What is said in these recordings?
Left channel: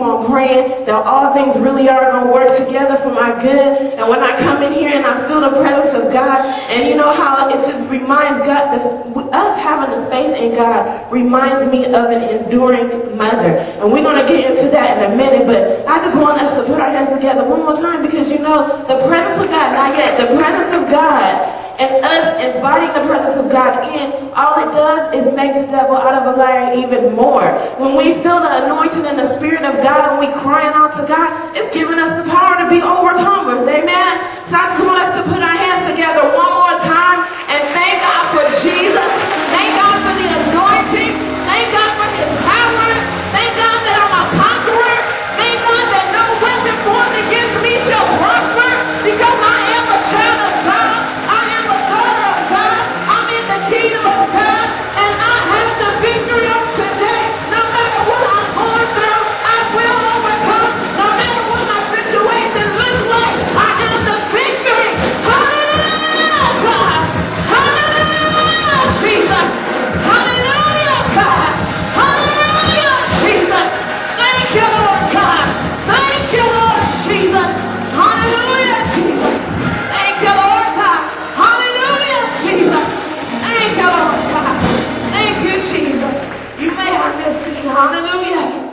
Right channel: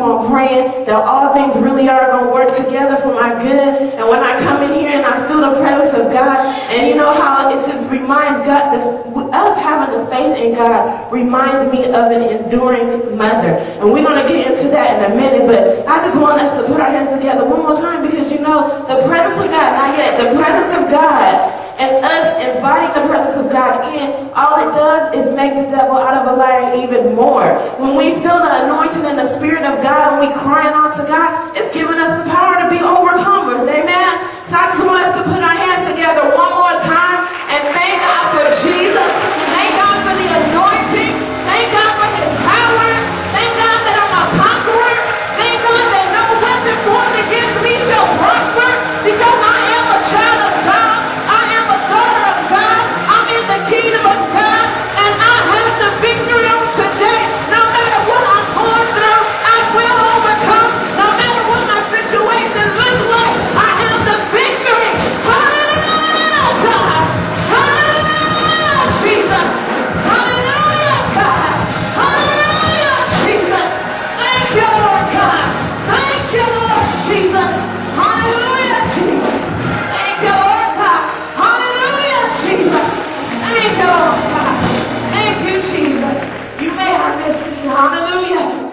on praying that all things really are going to work together for my good. And when I come in here and I feel the presence of God, and you know how it just reminds God, us having the faith in God reminds me of an enduring mother. And we're going to get into that in a minute, but I just want us to put our hands together one more time, because you know, the presence of God, not yet, the presence of God and us inviting the presence of God in, all it does is make the devil out of a liar even more. When we feel the anointing and the Spirit of God and we crying out to God, it's giving us the power to be overcomers. Amen? So I just want us to put our hands together one more time and thank God for Jesus. Thank God for the anointing. Thank God for His power. Thank God that I'm a conqueror. Thank God that no weapon formed against me shall prosper, because I am a child of God. Kingdom of God, and I have the victory on today. No matter what I'm going through, I will overcome. No matter what my situation looks like, I have the victory. Hallelujah, God. Hallelujah, Jesus. Hallelujah, God. Hallelujah, Jesus. Thank you, Lord God. Thank you, Lord Jesus. Hallelujah, Jesus. Thank you, Lord God. Hallelujah, Jesus. Thank you, Lord God. Thank you, Jesus. You may have your seat. Hallelujah.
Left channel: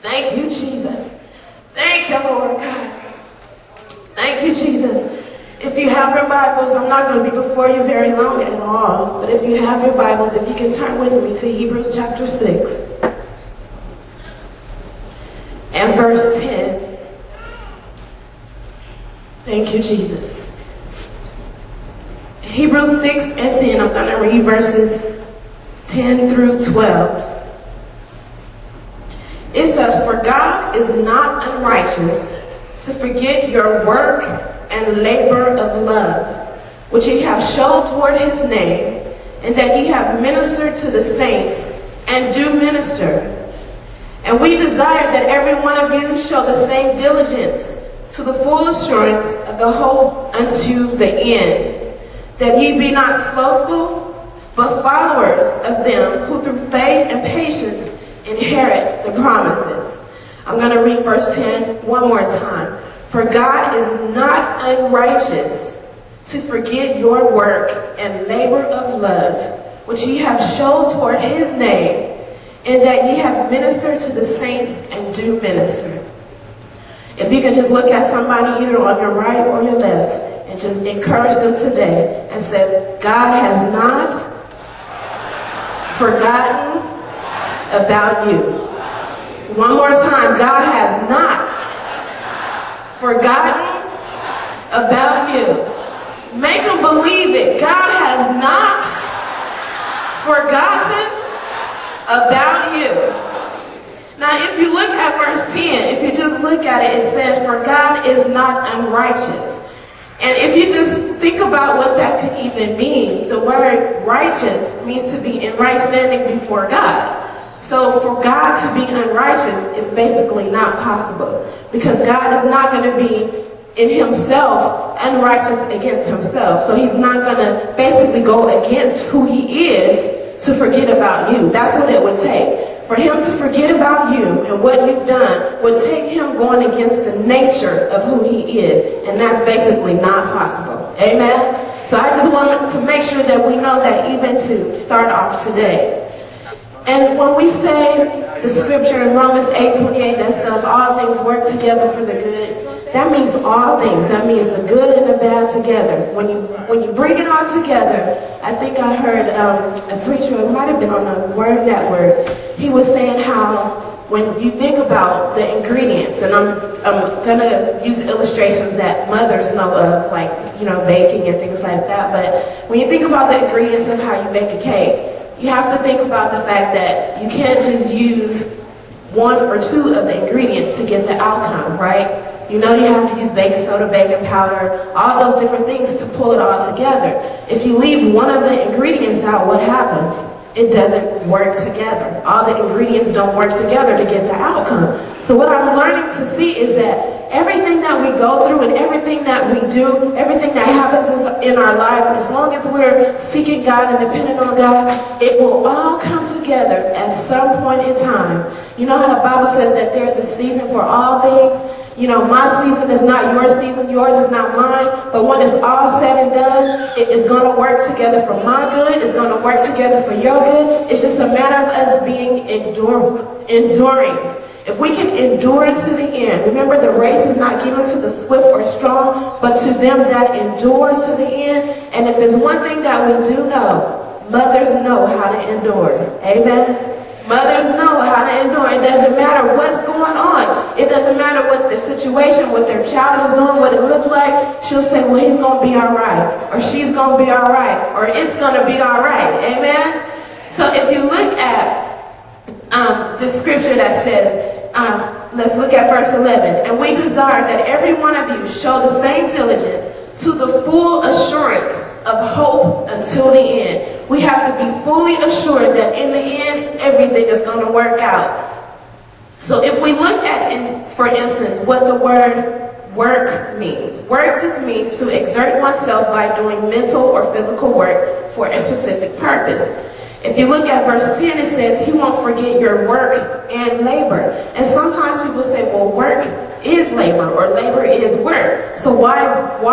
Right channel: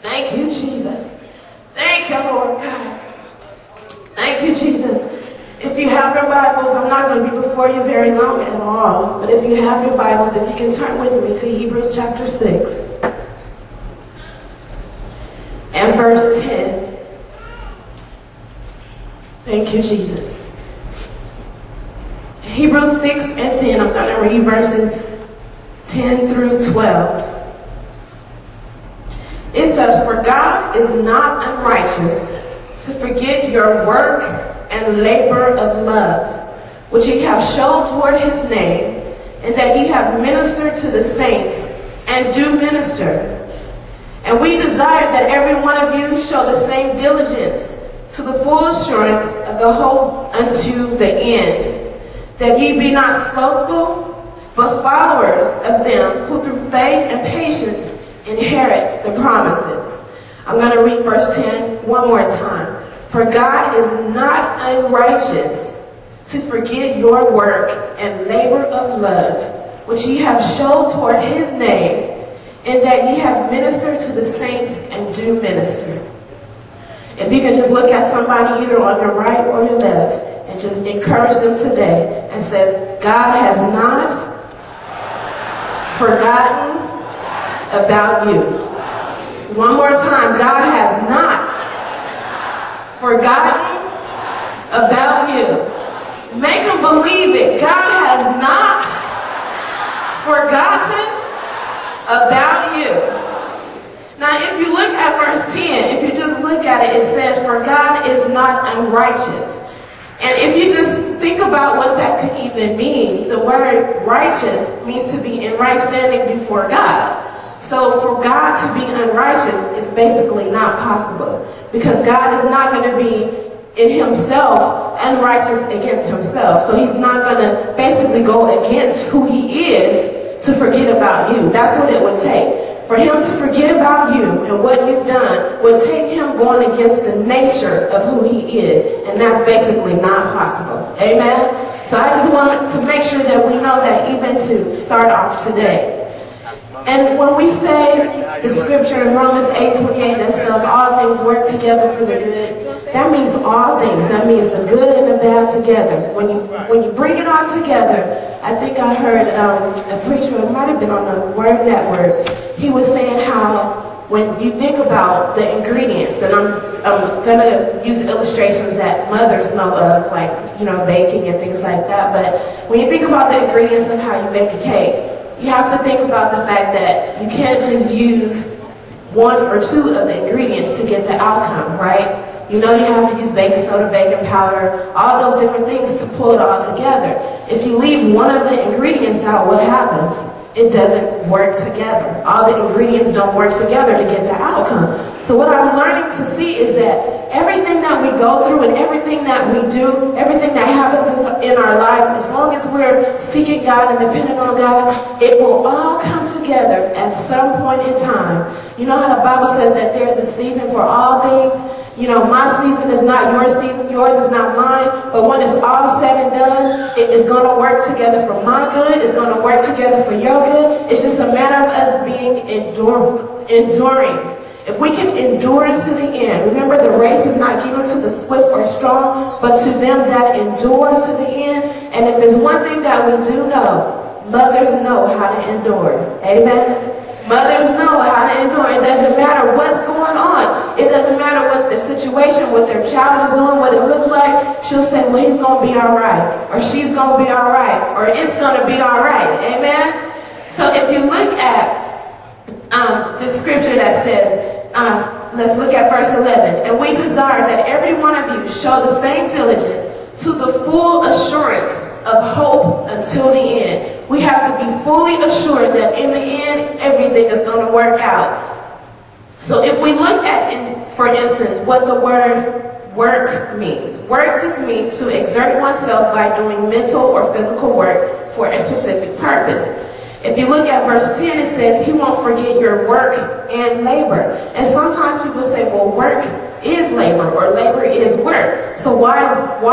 Thank you, Jesus. Thank you, Lord God. Thank you, Jesus. If you have your Bibles, I'm not going to be before you very long at all, but if you have your Bibles, if you can turn with me to Hebrews chapter 6 and verse 10. Thank you, Jesus. Hebrews 6 and 10, I'm going to read verses 10 through 12. It says, "For God is not unrighteous to forget your work and labor of love, which ye have shown toward His name, and that ye have ministered to the saints, and do minister. And we desire that every one of you show the same diligence to the full assurance of the hope unto the end, that ye be not slothful, but followers of them who through faith and patience inherit the promises." I'm going to read verse 10 one more time. "For God is not unrighteous to forget your work and labor of love, which ye have showed toward His name, and that ye have ministered to the saints and do minister." If you can just look at somebody either on your right or your left, and just encourage them today and say, God has not forgotten about you. One more time, God has not forgotten about you. Make them believe it. God has not forgotten about you. Now, if you look at verse 10, if you just look at it, it says, "For God is not unrighteous." And if you just think about what that could even mean, the word righteous means to be in right standing before God. So for God to be unrighteous is basically not possible, because God is not going to be in Himself unrighteous against Himself. So He's not going to basically go against who He is to forget about you. That's what it would take. For Him to forget about you and what you've done would take Him going against the nature of who He is. And that's basically not possible. Amen? So I just want to make sure that we know that even to start off today. And when we say the scripture in Romans 8:28 that says all things work together for the good, that means all things. That means the good and the bad together. When you bring it all together, I think I heard a preacher, it might have been on the Word Network, he was saying how when you think about the ingredients, and I'm going to use illustrations that mothers know of, like, you know, baking and things like that, but when you think about the ingredients of how you bake a cake, you have to think about the fact that you can't just use one or two of the ingredients to get the outcome, right? You know, you have to use baking soda, baking powder, all those different things to pull it all together. If you leave one of the ingredients out, what happens? It doesn't work together. All the ingredients don't work together to get the outcome. So what I'm learning to see is that everything that we go through and everything that we do, everything that happens in our life, as long as we're seeking God and depending on God, it will all come together at some point in time. You know how the Bible says that there's a season for all things? You know, my season is not your season, yours is not mine, but when it's all said and done, it is going to work together for my good, it's going to work together for your good. It's just a matter of us being enduring. If we can endure to the end, remember the race is not given to the swift or strong, but to them that endure to the end. And if there's one thing that we do know, mothers know how to endure. Amen? Mothers know how to endure. It doesn't matter what's going on. It doesn't matter what the situation, what their child is doing, what it looks like. She'll say, well, he's going to be all right. Or she's going to be all right. Or it's going to be all right. Amen? So if you look at the scripture that says, let's look at verse 11. And we desire that every one of you show the same diligence to the full assurance of hope until the end. We have to be fully assured that in the end, everything is going to work out. So if we look at, for instance, what the word work means. Work just means to exert oneself by doing mental or physical work for a specific purpose. If you look at verse 10, it says, he won't forget your work and labor. And sometimes people say, well, work is labor or labor is work. So why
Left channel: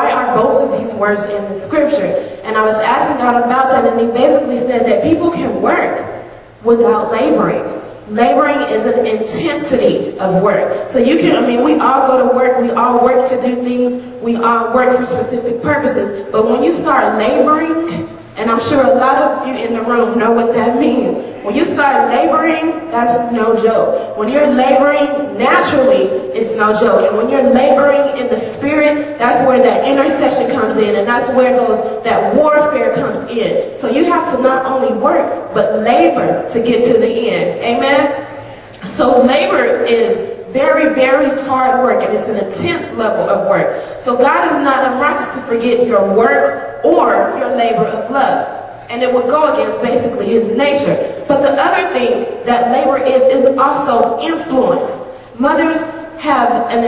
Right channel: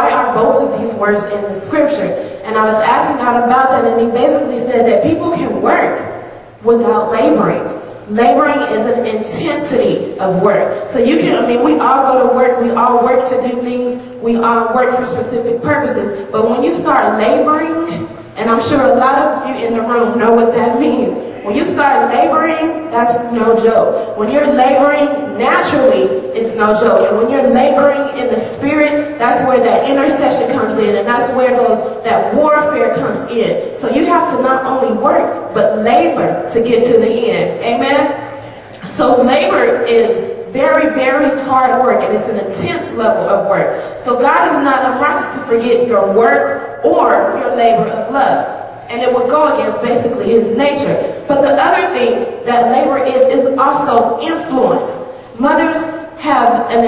are both of these words in the scripture? And I was asking God about that, and he basically said that people can work without laboring. Laboring is an intensity of work. So you can, we all go to work, we all work to do things, we all work for specific purposes. But when you start laboring, and I'm sure a lot of you in the room know what that means. When you start laboring, that's no joke. When you're laboring naturally, it's no joke. And when you're laboring in the spirit, that's where that intercession comes in, and that's where that warfare comes in. So you have to not only work, but labor to get to the end. Amen? So labor is very, very hard work, and it's an intense level of work. So God is not unrighteous to forget your work or your labor of love. And it would go against basically his nature. But the other thing that labor is also influence. Mothers have an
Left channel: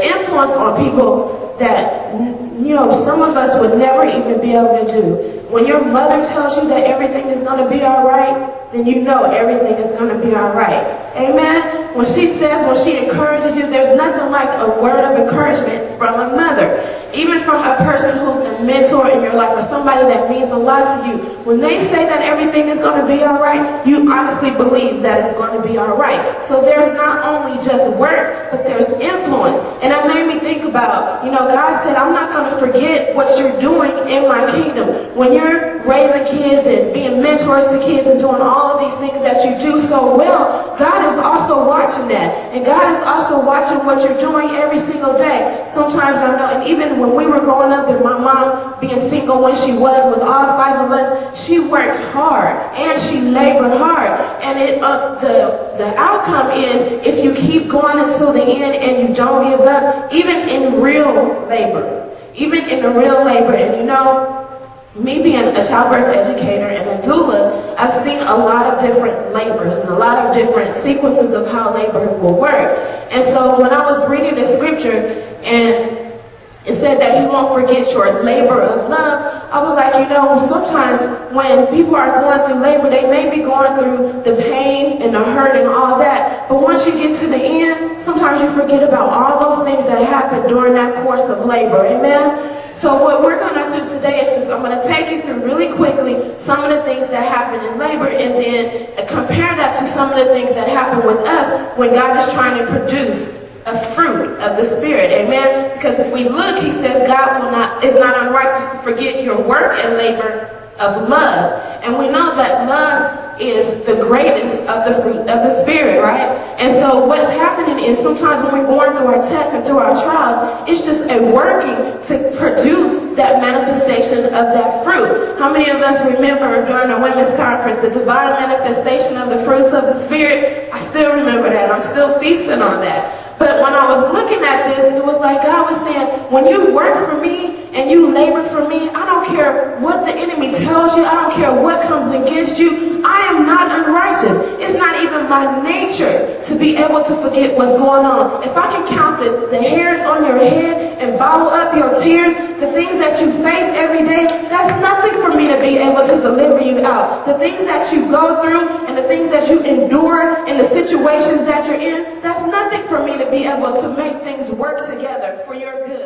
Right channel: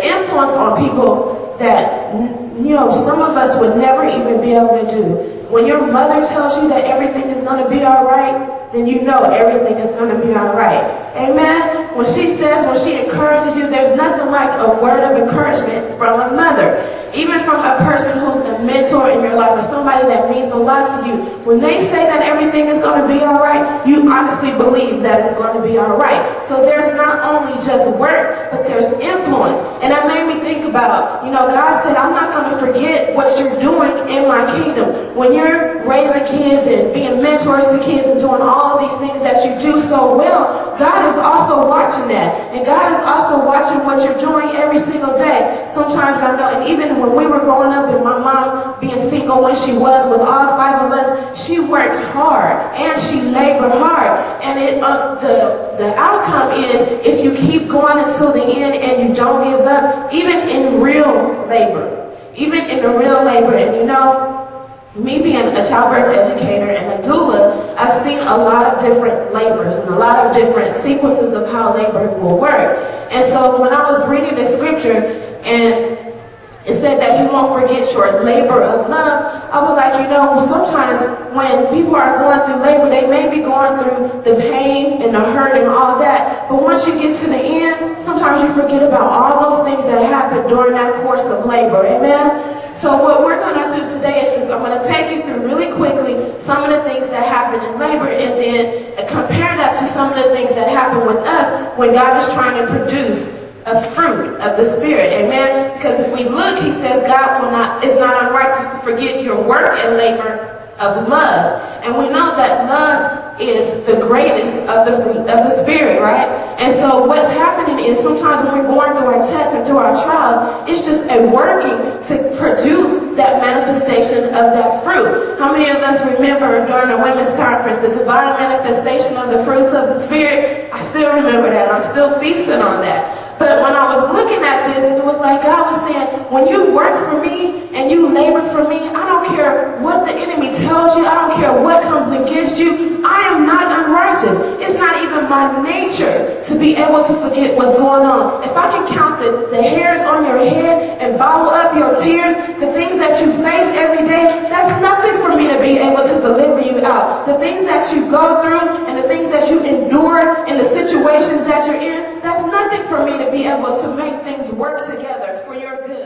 influence on people that, some of us would never even be able to do. When your mother tells you that everything is going to be all right, then you know everything is going to be all right. Amen? When she encourages you, there's nothing like a word of encouragement from a mother. Even from a person who's a mentor in your life or somebody that means a lot to you. When they say that everything is going to be all right, you honestly believe that it's going to be all right. So there's not only just work, but there's influence. And that made me think about, God said, I'm not going to forget what you're doing in my kingdom. When you're raising kids and being mentors to kids and doing all of these things that you do so well, God is also watching that. And God is also watching what you're doing every single day. Sometimes I know, and even when we were growing up and my mom being single when she was with all 5 of us, she worked hard and she labored hard. And the outcome is if you keep going until the end and you don't give up, even in real labor, and me being a childbirth educator and a doula, I've seen a lot of different labors and a lot of different sequences of how labor will work. And so when I was reading the scripture and it said that he won't forget your labor of love, I was like, sometimes when people are going through labor, they may be going through the pain and the hurt and all that. But once you get to the end, sometimes you forget about all those things that happened during that course of labor. Amen? So what we're going to do today is I'm going to take you through really quickly some of the things that happen in labor and then compare that to some of the things that happen with us when God is trying to produce a fruit of the Spirit. Amen? Because if we look, he says God is not unrighteous to forget your work and labor of love. And we know that love is the greatest of the fruit of the Spirit, right? And so what's happening is sometimes when we're going through our tests and through our trials, it's just a working to produce that manifestation of that fruit. How many of us remember during the women's conference, the divine manifestation of the fruits of the Spirit? I still remember that. I'm still feasting on that. But when I was looking at this, it was like God was saying, when you work for me and you labor for me, I don't care what the enemy tells you. I don't care what comes against you. I am not unrighteous. It's not even my nature to be able to forget what's going on. If I can count the hairs on your head and bottle up your tears, the things that you face every day, that's nothing for me to be able to deliver you out. The things that you go through and the things that you endure and the situations that you're in, that's nothing for me to be able to make things work together for your good.